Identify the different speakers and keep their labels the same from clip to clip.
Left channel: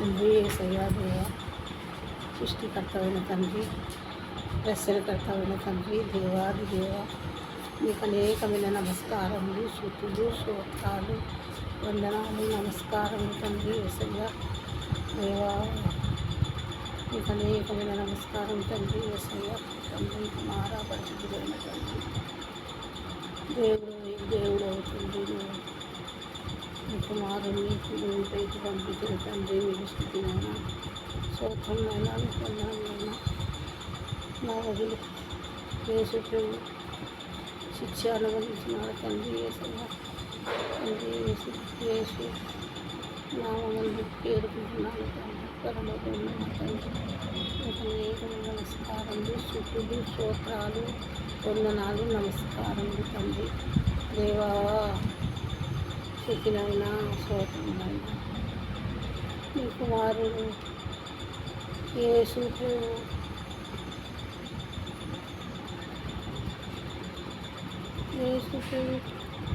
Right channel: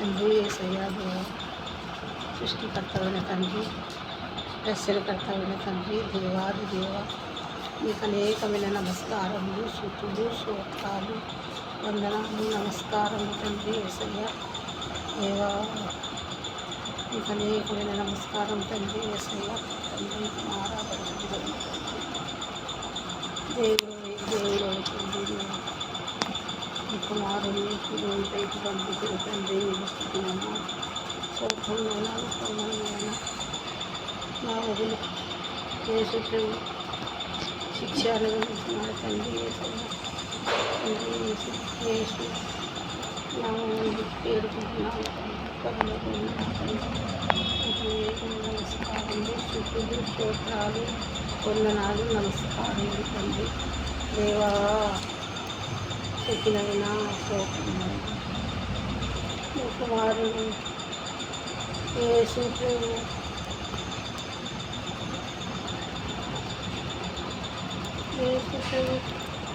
Speaker 1: తండ్రి ఏసయ్యా దేవ సృష్టికర్తమైన తండ్రి రక్షణకర్తమైన తండ్రి దేవాది దేవ మీకు అనేకమైన నమస్కారములు శృతులు శ్రోత్రాలు వందనాలు నమస్కారములు తండ్రి ఏసయ్య దేవా మీకు అనేకమైన నమస్కారం తండ్రి ఏసయ్య తండ్రి మారాపడుతుంది తండ్రి. దేవుడు దేవుడు అవుతుంది కుమారుని నువ్వు పైకి పంపించిన తండ్రి నీకు స్థితినైనా నా వదిలి యేసు ప్రభు శిక్ష తండ్రి యేసయ్య తండ్రి యేసు యేసు నామని పేరుకుంటున్నాను తండ్రి. పరలోకి ఉన్న నా తండ్రి నీకు స్తోత్రాలు వందనాలు నమస్కారం తండ్రి. దేవా శక్తినైనా శోకమైనా నీ కుమారుడు యేసు ప్రభు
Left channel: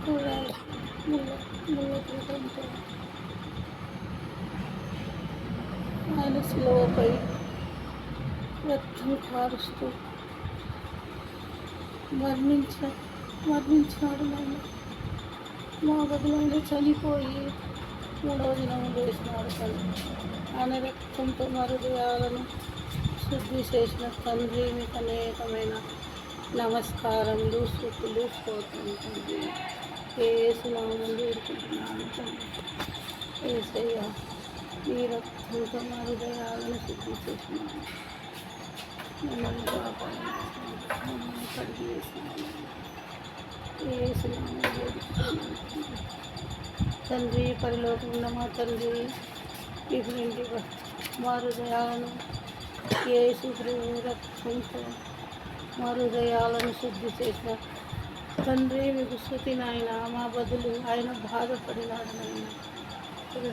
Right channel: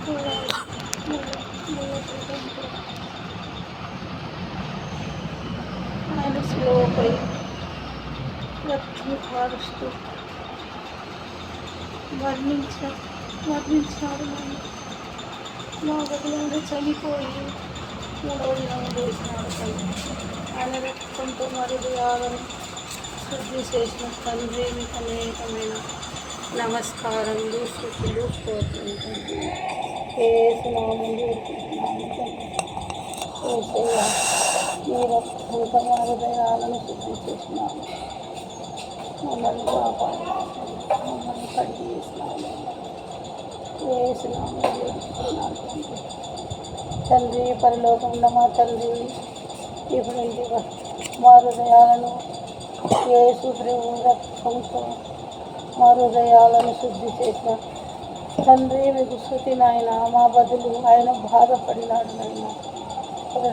Speaker 1: కూడా ముళ్ళ ముళ్ళ పీఠంతో ఆయన స్లోపై రక్తం కారుస్తూ వర్ణించ మరణించాడు నన్ను. నా బదులైన చనిపోయి మూడో దినం చేసినాడు తల్లి. ఆయన రక్తంతో మరుగు మరుదయాలని శుద్ధి చేసిన తండ్రి మీకు అనేకమైన నమస్కారములు శుద్ధులు స్తోత్రం తండ్రి. ఏసునామం వేడుకుంటున్నాను తండ్రి. ఏసయ్య మీ రక్తంతో మరుగు మరుదయాలను శుద్ధి చేసినాను. మమ్మల్ని మమ్మల్ని కడిగి చేసినాను తండ్రి తండ్రి మా తండ్రి ఇప్పుడు మా హృదయాలను యేసు ప్రభు రక్తంతో మా హృదయాలను శుద్ధి చేసిన తండ్రి మీకు శృతి నాయన. మా బదులు ఆయన బాధపడినాడు నాయన.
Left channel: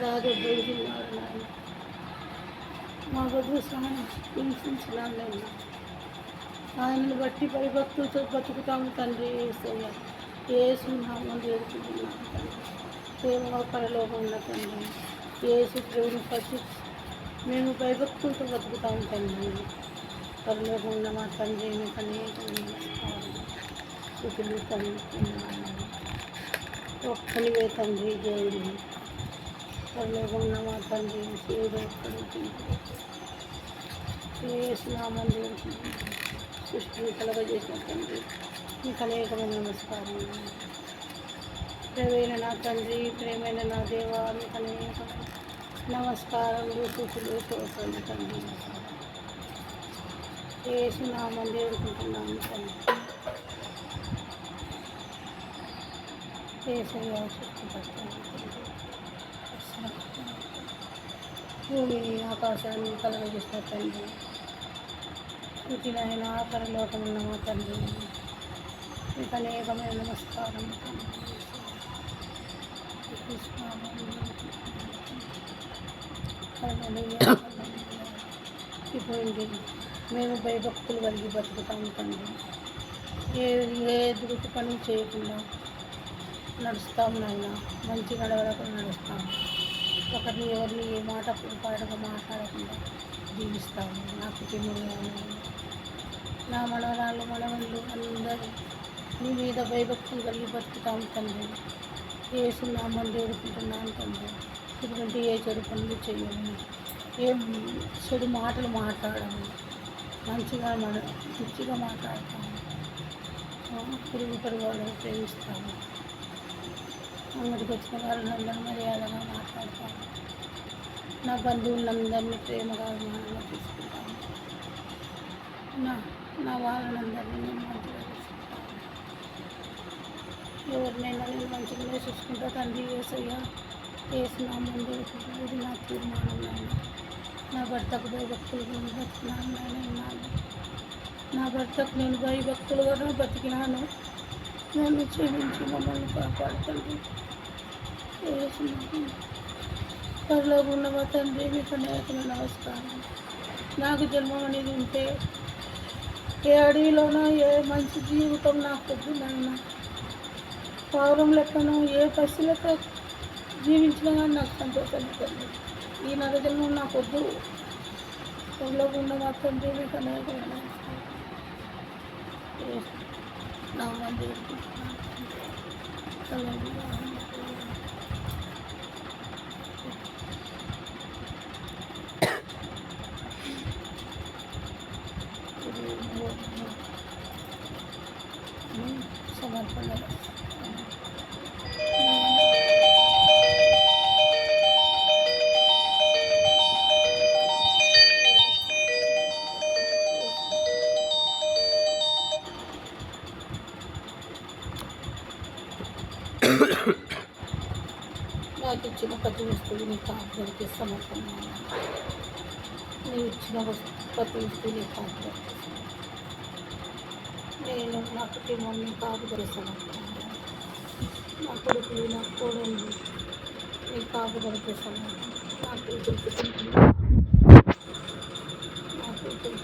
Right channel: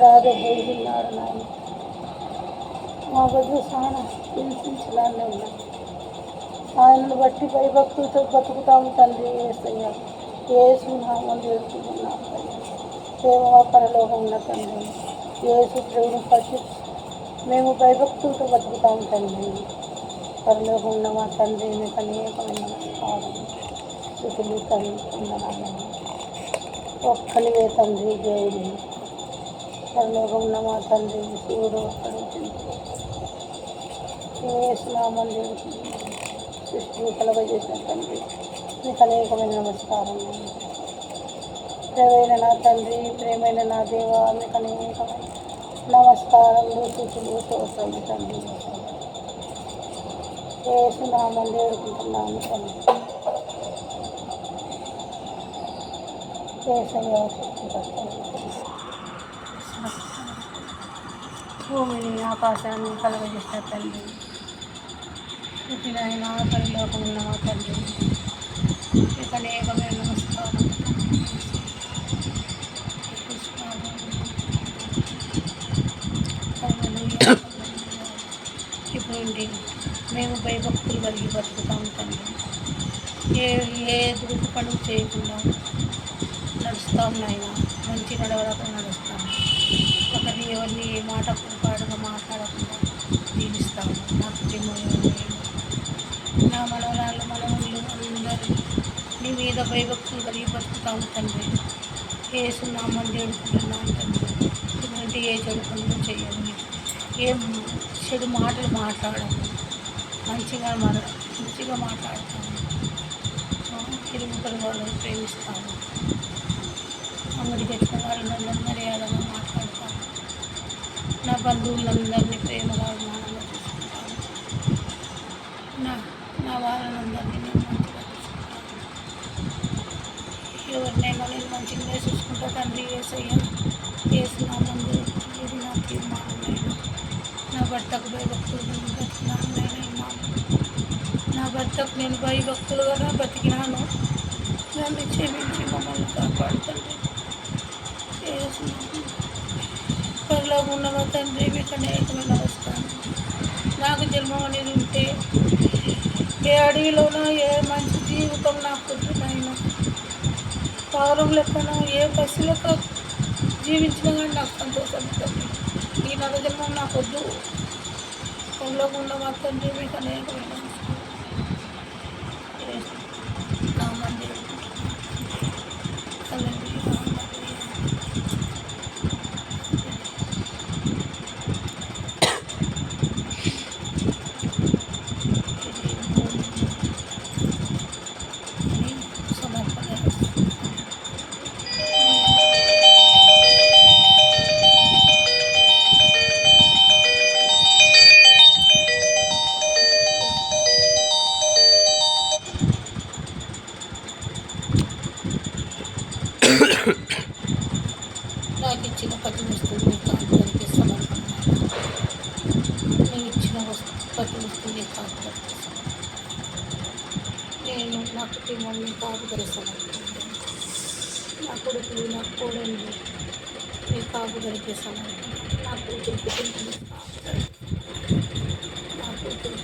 Speaker 1: బాధపడినాడు నాయన. మా బదులు చాలా హింసించినాడు నాయన. ఆయనను బట్టి భయభక్తులతో బతుకుతాము తండ్రి ఏసయ్య ఏసు నామం వేడుకుంటున్నాను తండ్రి దేవా పరలోకంలో తండ్రి ఏసు ప్రభుని పట్టి మేము భయభక్తులతో బతుకుతాము తండ్రి పరలోకంలో మా తండ్రి మీకు అనేకమైన నమస్కారం స్థుతులు తండ్రి వందనాలు. ఒక్కనివే తండ్రి దేవుడు పరలోకంలో మా తండ్రి శివుడు ఒక్కడే వేసినామని దేవుడు సృష్టిని కలగజేసిన తండ్రి మీకు అనేకమైన నమస్కారం. ప్రేమైన నా తండ్రి ప్రేమైన నా దేవా మీకు అనేకమైన నమస్కారములు స్థుతులు తోసండి తండ్రి. వేసినామని వేడుకుంటున్నాను తండ్రి. భూమిని ఆకాశాన్ని కలగజేసిన తండ్రి. పుట్టినైనా పరిలోకం ఉన్న మా తండ్రి. మీకు అనేకమైన నమస్కారం ఇప్పుడు మేము భయభక్తులు కలిగి బతుకుతాం తండ్రి ఏ ఏ దురుపు పనులు చేయకుండా నడుస్తాం నాయన మంచి నడవడక నడుస్తాం ఒకరిని ఎవరిని ఏ మాట పాడుగా మాట్లాడకుండా జీవిస్తాము నా కుటుంబం నా మనవరాళ్ళు మనవళ్ళు అందరూ నీ మీద భయభక్తులు కలిగి బతుకుతాం తండ్రి. ఏసునామని వేడుకుంటున్నాను తండ్రి. ఇటువంటి ఏ చెడు పనులు చేయము. ఏం చెడు మాటలు మాట్లాడము. మంచిగా మన మంచిగా మాట్లాడతాము. తిరుగు పొరుగు వాళ్ళని ప్రేమిస్తాము. అంగడికి వచ్చిన వాళ్ళందరూ మర్యాదగా మాట్లాడతాము. నా బంధువులందరినీ ప్రేమగా అభిమానంగా తీసుకుంటాను నా నా వాళ్ళందరినీ నేను మంచి ఎవరినైనా నేను మంచిగానే చూసుకుంటా తండ్రి ఏసయ్యా వేసిన ముందు ఇది నా తీర్మానం నేను నా భర్తకు భయభక్తులుగా నేను బతికినాను నేను ఇన్నాను నా భర్తకు నేను భయభక్తులుగా నా బతికినాను నన్ను క్షమించి మమ్మల్ని కాపాడుతుంది పరలో ఉన్న తండ్రి మీకు అనేకమైన నమస్కారం నాకు జన్మం అనేది ఉంటే ఏ అడవిలోనో ఏ మంచి జీవితం నాకు పొద్దునైనా పావురం లెక్కన ఏ పసి లెక్క జీవించినా కానీ నాకు సంతోషం తండ్రి ఈ నరజన్మం నాకు వద్దు. ఊళ్ళోకి ఉన్న మాత్రం తండ్రి అనేకమైన నా మంది నీవు ఇచ్చిన వస్తు ప్రతి నేను నా కుటుంబం కాదు కాపుదల నా కొడుకులు నా కోడలు నేను కాపు సమర్పణ నా కూతురు నా కూతురు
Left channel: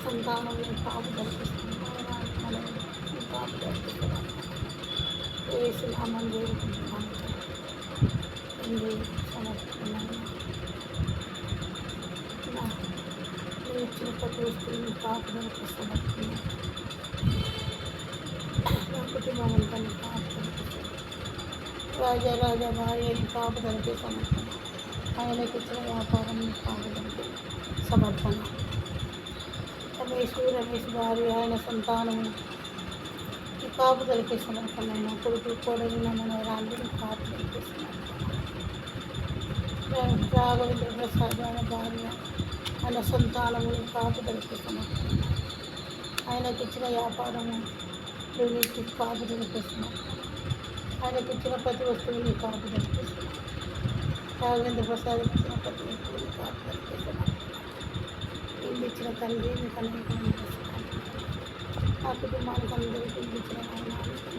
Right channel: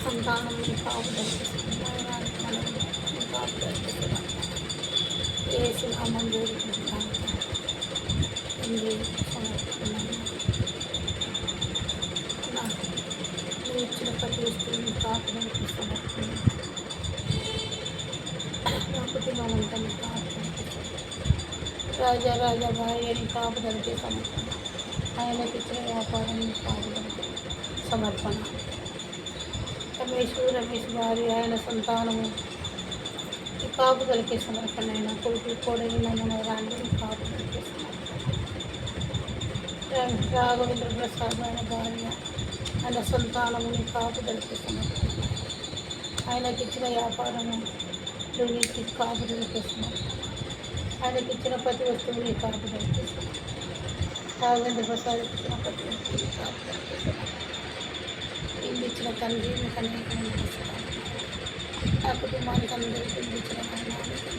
Speaker 1: సంతానం నేను కాపు సమర్పణ మనం నేను కాపు సమర్పణ వేసి నామం కోరుకుంటున్నాను తండ్రి సమర్పిస్తున్నాను నా నువ్వు ఇచ్చిన ప్రతి వస్తువుని కాపుదలకి సమర్పణ నా కుటుంబం అంతా నీ కాపుదలకి రాజా రాజా భార్యని కాపుదలకి సమర్పణ ఆయనకి ఇచ్చిన వ్యాపారం నీ కాపుదలకి సమర్పణ రమేష్ రమేష్ భార్య ఆయన సంతానము ఈ కాపుదలకి సమర్పణ అయిన కొడుకులు కోడలు నా మనవరాండ్రు కాపుదలకి సమర్పణ రా- రాఘవేంద్ర ప్రసాద్ ఆయన భార్య ఆయన సంతానముని కాపుదలకి సమర్పణ ఆయనకి ఇచ్చిన వ్యాపారము దుర్నీతి కాపుదలకి సమర్పణ ఆయనకి ఇచ్చిన ప్రతి వస్తువుని కాపుదలకి సమర్పణ రాఘవేంద్ర ప్రసాద్ ఇచ్చిన ప్రతి వస్తువుని కాపుదలకి సమర్పణ ఇల్లు ఇచ్చిన తండ్రి మీకు అనేకమైన నా కుటుంబానికి అందరికీ ఇచ్చిన నాయన మీకు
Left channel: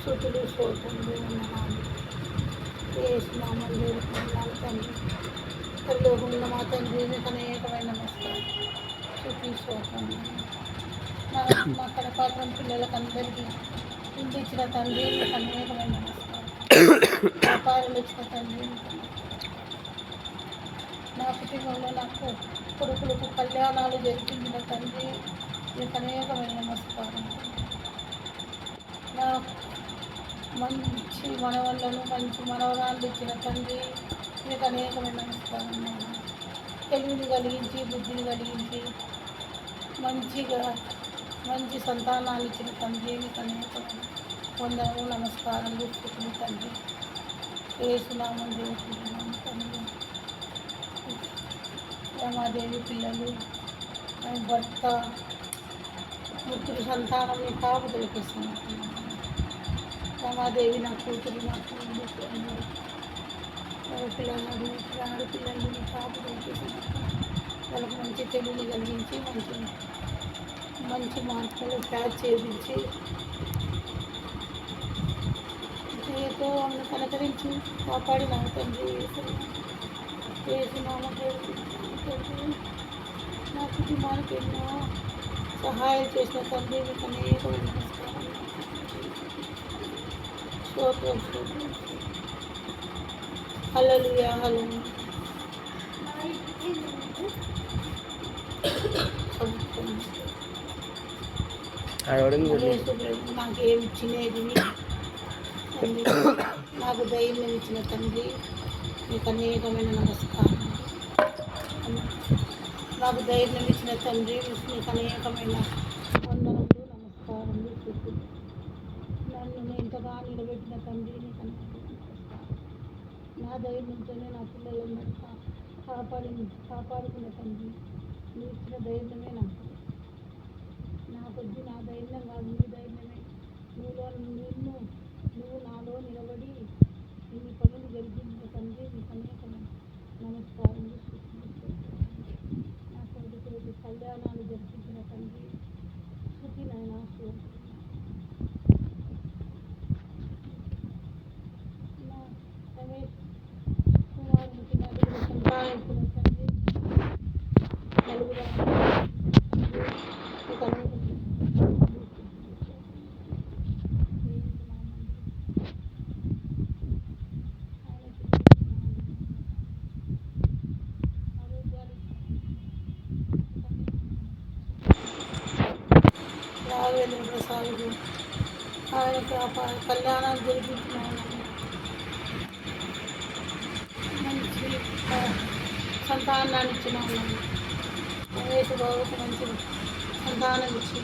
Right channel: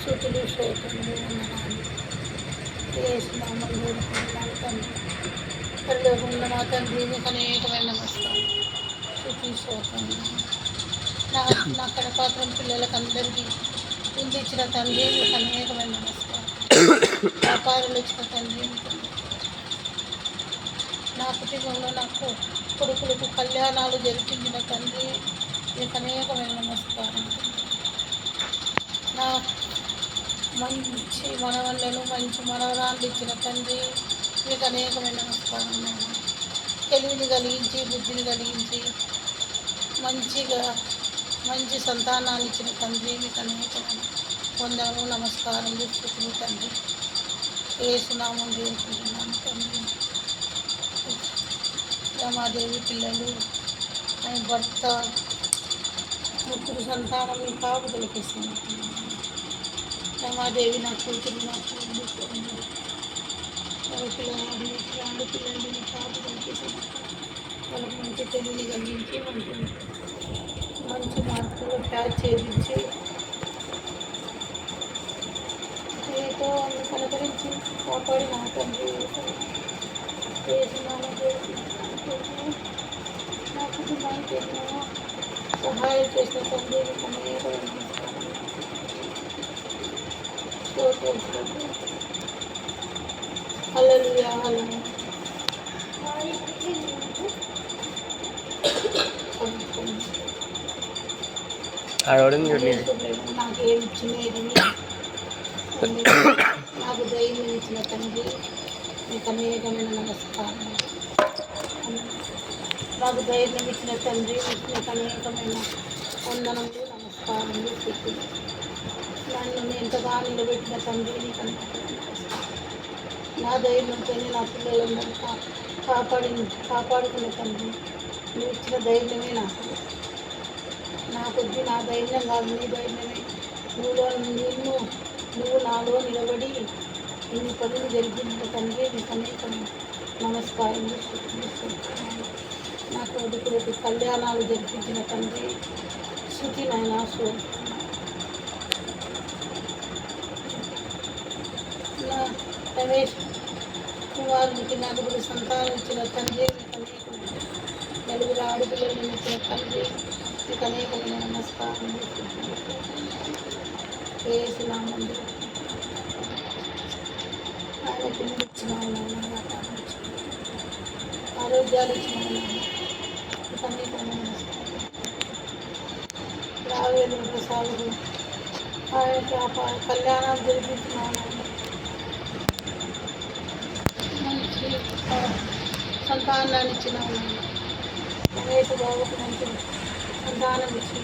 Speaker 1: శృతులు శ్రోతములు ఉన్న నాన్న వేసినామని వేడుకుంటున్నాను తండ్రి పరిలోకి ఉన్న మా తండ్రి మీకు అనేకమైన నమస్కారం. శృతి నా నా కడపాత్రం పిల్లలకు అందరికీ ఇల్లు ఇచ్చిన తండ్రి మీకు అనేకమైన నమస్కారం. వ్యాపారులు ఇచ్చిన తండ్రి నా కుటుంబంలో నాకు కొడుకులకు కళ్యాణాలు జరిపించిన తండ్రి మీకు అనేకమైన నమస్కారం. నా మంచి మనవళ్ళను మంచి మనవరాళ్ళు ఇచ్చిన తండ్రి మీకు అనేకమైన నమస్కారం నాయన తెలివిని కలిగించి బుద్ధిని కలిగించి మంచిగా మంచి సంతానాలు ఇచ్చిన తండ్రి మీకు అనేకమైన వందనము నమస్కారం స్థుతులు తండ్రి. వేసునామం చేసుకుంటున్నాను తండ్రి. రమాదేవి పిల్లలు ఆయన భర్త ముగ్గురు సంతానం మీ కాపు తెలిపిస్తున్నాను రమాదేవి నా కూతురు నా కూతురు పిల్లలు ఆడు పిల్లలు నీ కాపుదలకి ఇస్తున్నాను వాళ్ళకి మంచి తెలివిని కలిగించి మంచి మంచి మార్కులు ప్యాచ్ చేయించి ఏదో వాళ్ళని కలకరించి కాపాడి నా తండ్రి వేసిన నా కుటుంబానికి ఎన్నో సహాయం చేసిన తండ్రి మీకు అనేక నమస్కారం స్తోత్రం స్తోత్రం హల్లెలూయా హల్లెలూయా సమర్పణ.
Speaker 2: ఆడవడం చూడలేదు
Speaker 1: యేసుప్రభు నాకు ఏమి ఇచ్చినది తండ్రి, నాకు ధైర్యం ఇచ్చిన తండ్రి మీకు అనేకమైన నమస్కారం నాకు ధైర్యం ఇచ్చిన తండ్రి మీకు అనేకమైన వందనములు నమస్కారములు స్థితులు నన్ను నేను ఎంతగా నిలబెట్టిన తండ్రి నీకు అనేకమైన నమస్కారం నా ధైర్యంతోనే నా పిల్లలందరూ కా కాపాడి కాపాడుకున్న తండ్రి. నువ్వు ఇచ్చిన ధైర్యమే నాకు. నా కొద్ది నా ధైర్యం కాదు నీ ధైర్యమే. నువ్వులో నిన్ను నువ్వు నాలో నిలబడి ఇన్ని పనులు జరిగించిన తండ్రి నీకు అనేకం నమస్కారం నా కొడుకులకు కళ్యాణాలు జరిపించిన తండ్రి శృతి నాయన సో రమేష్ కుమారునికి నలుగురు సంతానం ఇచ్చిన తండ్రి నీకు అనేకం నలుగురు ఆడపిల్లలను ఇచ్చిన తండ్రి నీకు అనేకమైన నమస్కారం వేసినామండి ఆయన పిలిపించిన ఆరోగ్యాలు ఇచ్చినావు అన్ని రావేలు ప్రసాదులు ఆయనకి ఆ ప- కళ్యాణం జరిపించినావు మంచి ఆ, సంతానాన్ని ఇచ్చినావు మహేష్ బాబుకి మంచి సంతానం ఇచ్చి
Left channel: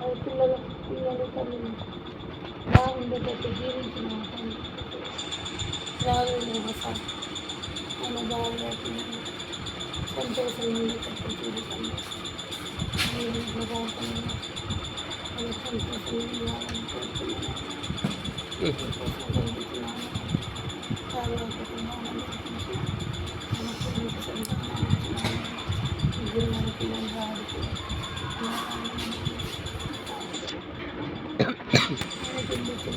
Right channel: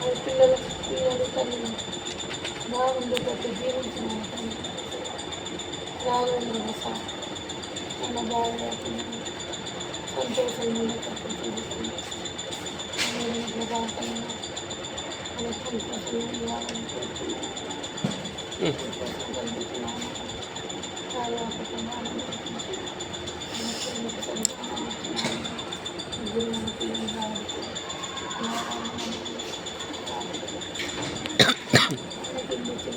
Speaker 1: అది పిల్లలు పిల్లలు తల్లి బాగుండేటట్టు జీవించినావు తండ్రి రావేలు ప్రసాద్ మన బాగా సంతోషం ఉండేటట్టు జీవితంలో నేను ఇట్లా బాగున్నాను అలా సంతోషం ఇవ్వాలని కోరుతున్నాను సంతోషం కలుగుతున్నాను ఆనందించి మనకు మీకు సంతానం ఇచ్చినాను ముగ్గురు మన పిల్లలు రావచ్చు అనాథాన్ని మనకి ఆయనకి ఇల్లు ఇచ్చిన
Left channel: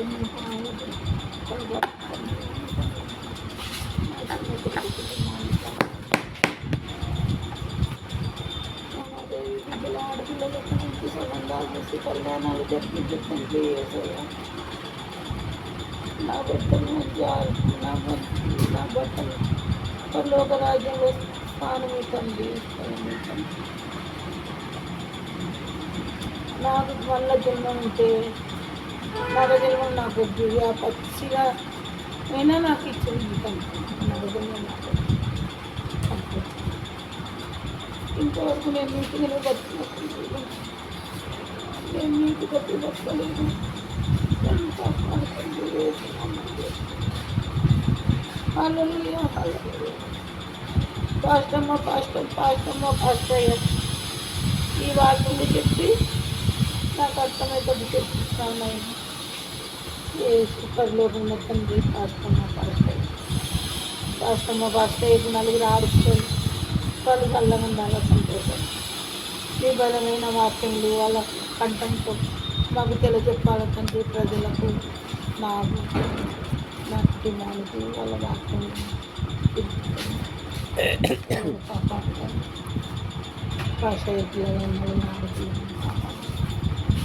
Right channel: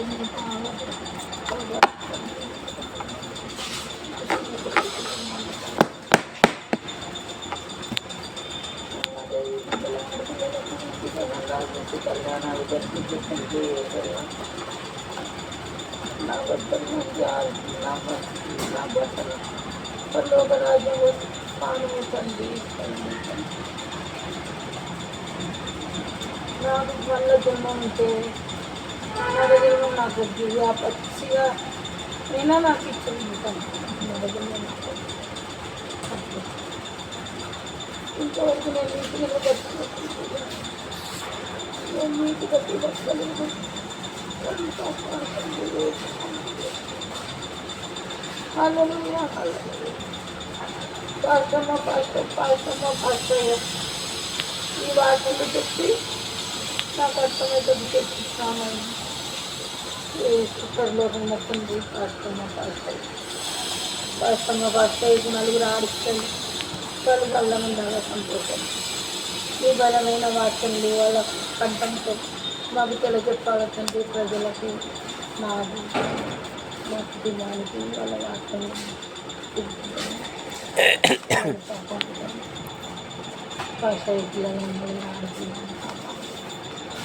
Speaker 1: నువ్వు కావాలని కళ్యాణాలు జరిపించండి నా బట్టలు నా నా బట్టలు పర్లోక రాజ్యంలో స్థానమిచ్చండి నాకు వల్ల దుమ్మ ఉంటే నరదినం నాకు దివ్య పచ్చిగా అయినా నాకు ఇచ్చింది నరదినం ఇంతవరకు నేను నీటిగా బతుకుతున్నాను నేను నీటిగా బతకలేదు నన్ను కాపాడుతుంది హల్లెలూయా హల్లెలూయా పాస్టమ్మ పాస్టర్ పాస్టమ్మ పాస్టర్ ఈ వార్తలు చెప్పి నాకు అర్థమైతే చెప్తున్నాను తండ్రి పాస్టమ్మ పాస్టర్ పాస్టమ్మ పాస్టర్ ఇది నలుగురు ఆడిస్తారు వాళ్ళు కళ్ళమందాల సంతోషం మీ బలమైన వాక్యంలో వాళ్ళ కంఠంతో మాకు తెల చెప్పాలి తండ్రి ప్రజలకు నాకు మా కుటుంబానికి వాళ్ళ వాక్యం భాష పిల్లలందరూ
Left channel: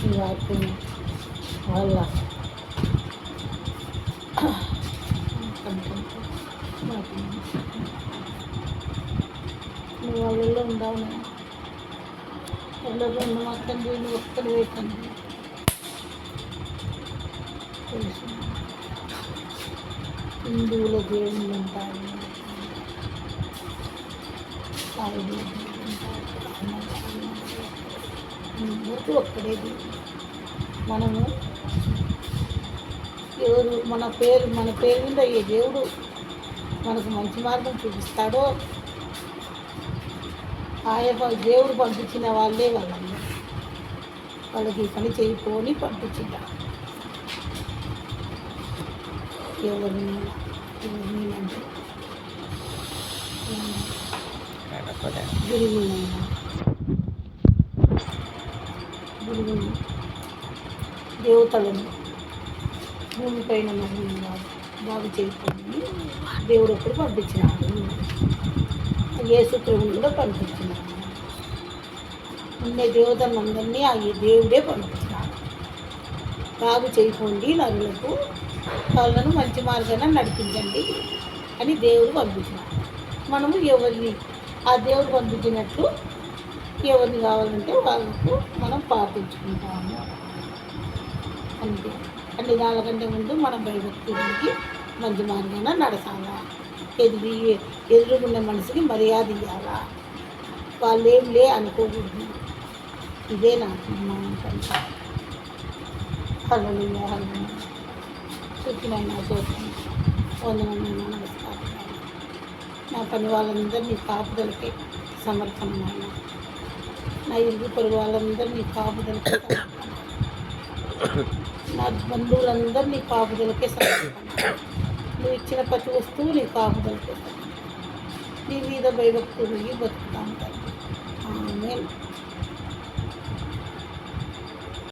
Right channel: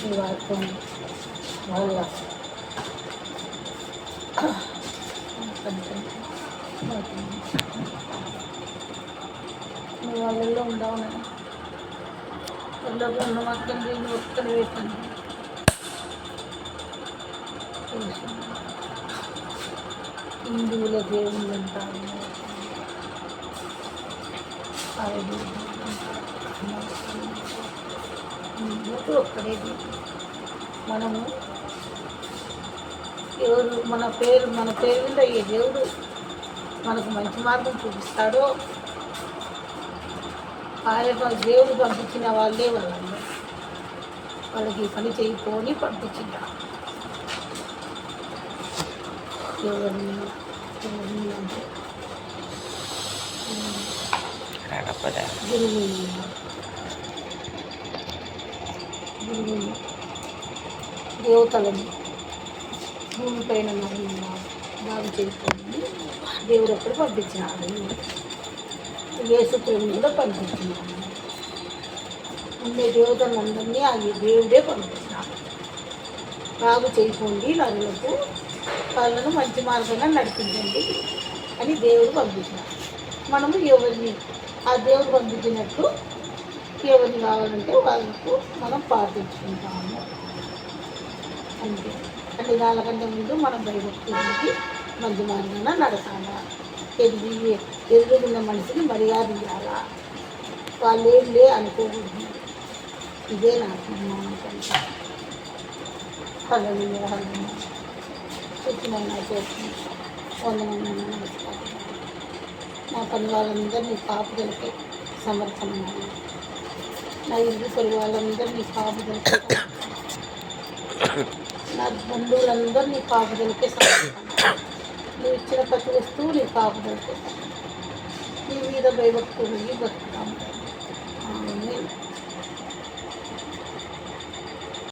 Speaker 1: ఈ వాక్యం వాళ్ళ కంఠం వాళ్ళల్లో ఉండవు వాళ్ళలో ఉన్న మొత్తం దీన్ని హిందువుల దేవుళ్ళు ఉంటారు ఒక్కడే మనము ఎవరు మన పేరు మన పేరు మీద ఏ దేవుడు మనకు మంచి మార్గం చూపిస్తాడో ఆయన దేవుడు పంపించిన వాళ్ళే వాళ్ళందరూ. వాళ్ళకి పని చేయకొని పంపించింటారు. ఎవరిని ఎవరిని అంటే?
Speaker 2: కాకపోతే
Speaker 1: భూమి పైన మరి బాగు చేసుకోండి దేవుడు అప్పుడు పంపించినాడు. యేసుప్రభు కూడా పంపించినాడు. ఉండే దేవతలందరినీ ఆ దేవుడే పంపించినాడు. బాగు చేయకండి నరులకు వాళ్ళను మంచి మార్గాన నడిపించండి అని దేవుడు పంపించినాడు. మనము ఎవరిని ఆ దేవుడు పంపించినట్లు ఎవరిని కావాలంటే వాళ్ళకు మనం పాటించుకుంటాము అంతే. అన్ని దానికంటే ముందు మనం భయభక్తులకి మంచి మార్గాన నడచాలా ఎదిగి ఎదురుగున్న మనిషికి మర్యాద ఇవ్వాలా వాళ్ళు ఏం లే అనుకోకూడదు. ఇదే నా అభిమానం కంటే హలో హలో చెప్పినైనా చూసి వందనమైన నమస్కారం నా పని వాళ్ళందరినీ కాపుదలకే సమర్థమైన నా ఇరుగు పొరుగు వాళ్ళందరినీ కాపుదలకే నా బంధువులందరూ నీ కాపుదలకే సమర్పణ నువ్వు ఇచ్చిన ప్రతి వస్తువు నీ కాపుదలకే సమర్పణ నీ మీద భయభక్తులు బతుకుతాం ఆమె